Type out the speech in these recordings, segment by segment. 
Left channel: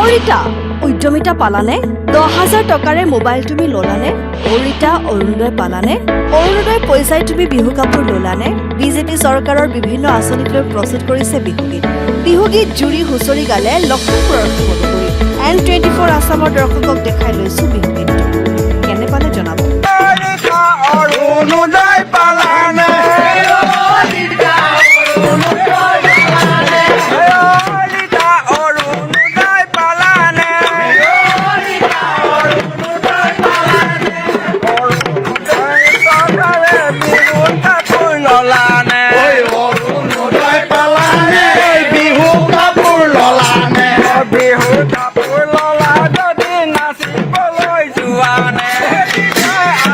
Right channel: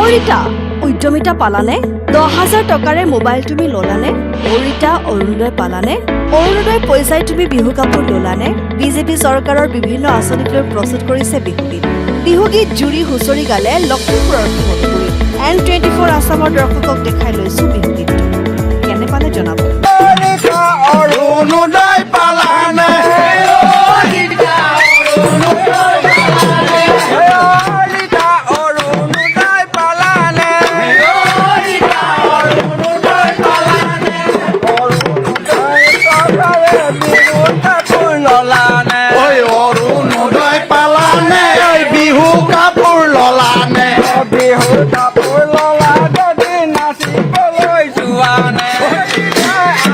অৰিতা উদ্যমিতা পালানে 10,000 টকাৰে মোবাইল তুমি ললানে অৰিতা অৰুণোদয় পালানে অৰুণোদয় পইচাই তুমি বিহু কাপোৰ ললানে বিজেপি চৰকাৰৰ বিভিন্ন আঁচনিক লৈ প্ৰস্তুত কৰিছে বিহুগীত জুৰি হুঁচৰি গালে লখিমপুৰৰ মধুপুৰী N24 আসামৰ দৰ্শকক দেখাই লৈছো বিহুগীতটো কেনে পালে জনাব অৰুণোদয় পালানে বিহু কাপোৰ ললানে বিহু কাপোৰ ললা যদি নাচিবলৈ যোৱানে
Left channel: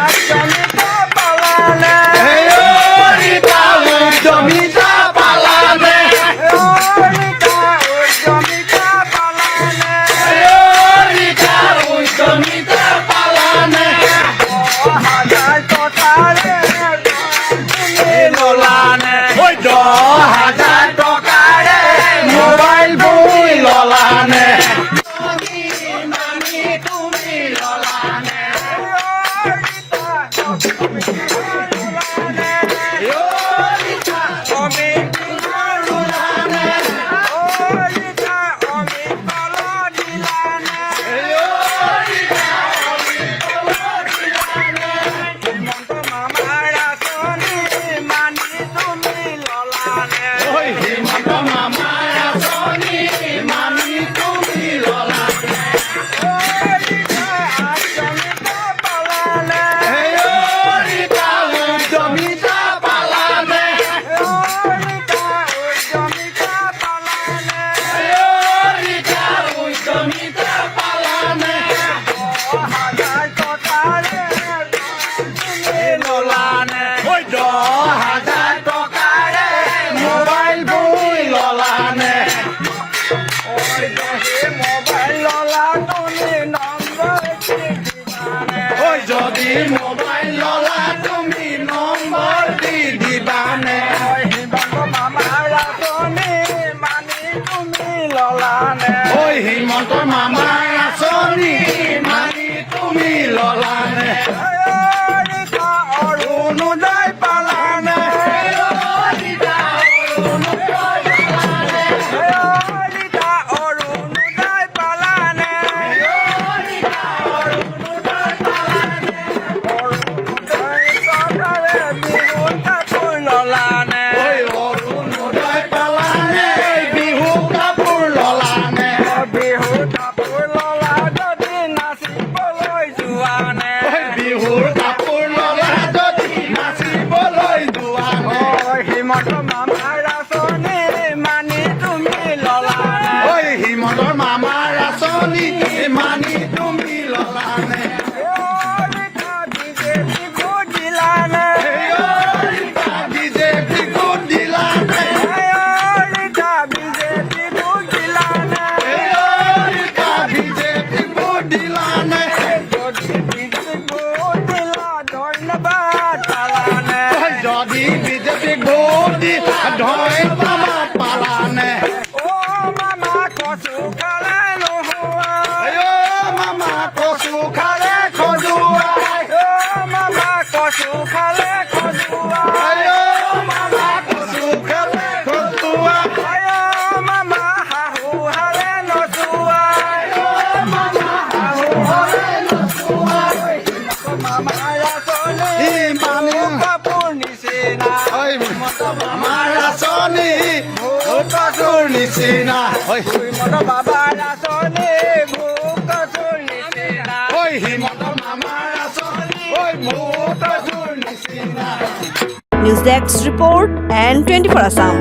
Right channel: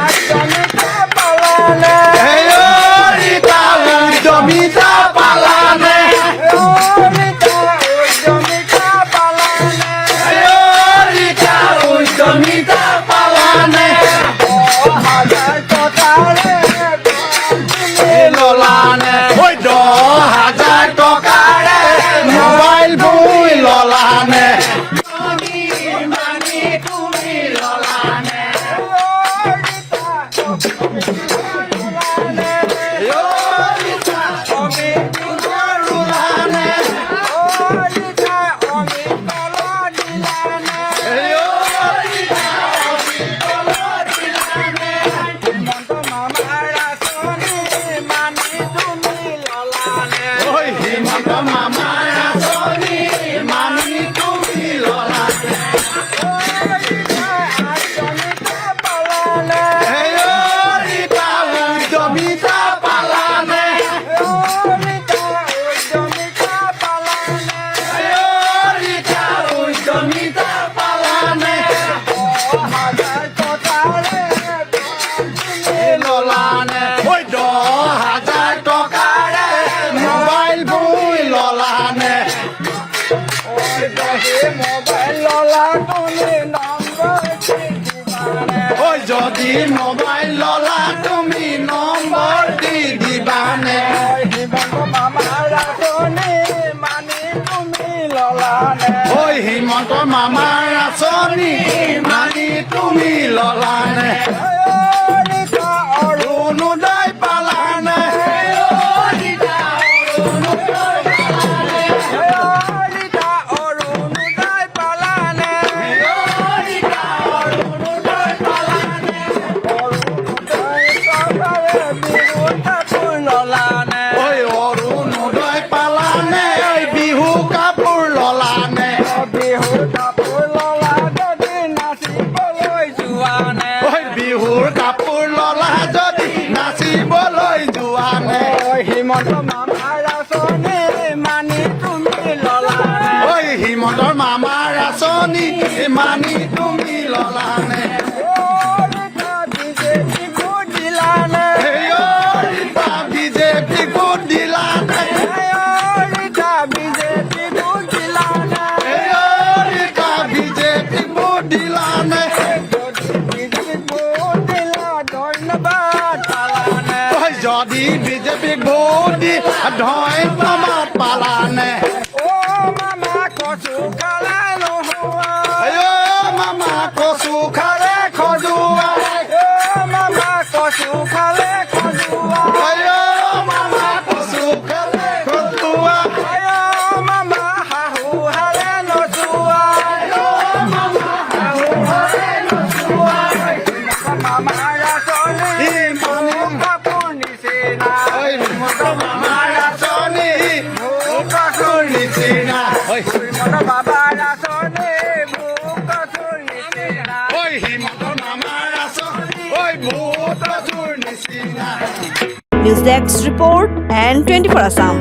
উদ্যমিতা পালানে উদ্যমিতা পালানে উদ্যমিতা পালানে উদ্যমিতা পালানে 10,000 টকাৰে ললানে 10,000 টকাৰে মোবাইল বই ললানে যদি মোবাইল ললা তুমি নম্বৰ দি দিবানে হিমন্ত মামাৰ আঁচনি মানি তুমি ললানে হিমন্ত মামাৰ আঁচনি মানি তুমি ললানে অৰুণোদয় পালানে অৰুণোদয় পালানে বিহু কাপোৰ ললানে বিহু কাপোৰ ললা যদি নাচিবলৈ যোৱানে বিহু কাপোৰ ললা যদি নাচিবলৈ যোৱানে হিমন্ত মামাৰ আঁচনি মানি তুমি ললানে হিমন্ত মামাৰ আঁচনি মানি তুমি ললানে যদি বিজেপি ভোট দি ধন্যবাদ পালানে মামা কচু খালে নোহোৱা মামা কচু খালে খজুৱা মামা কচু খালে খজুৱা মামা কচু খালে খজুৱা মামা শাহু হালে নচুৱা মামা আঁচনি মানুহ কাপোৰ নিচিনা মামাৰ আঁচনি কাপোৰ নিচিনা বাবাৰ আঁচনি কাপোৰ নিচিনা হিমন্ত মামাৰ আঁচনি কাপোৰ নিচিনা news desk report N24 Assam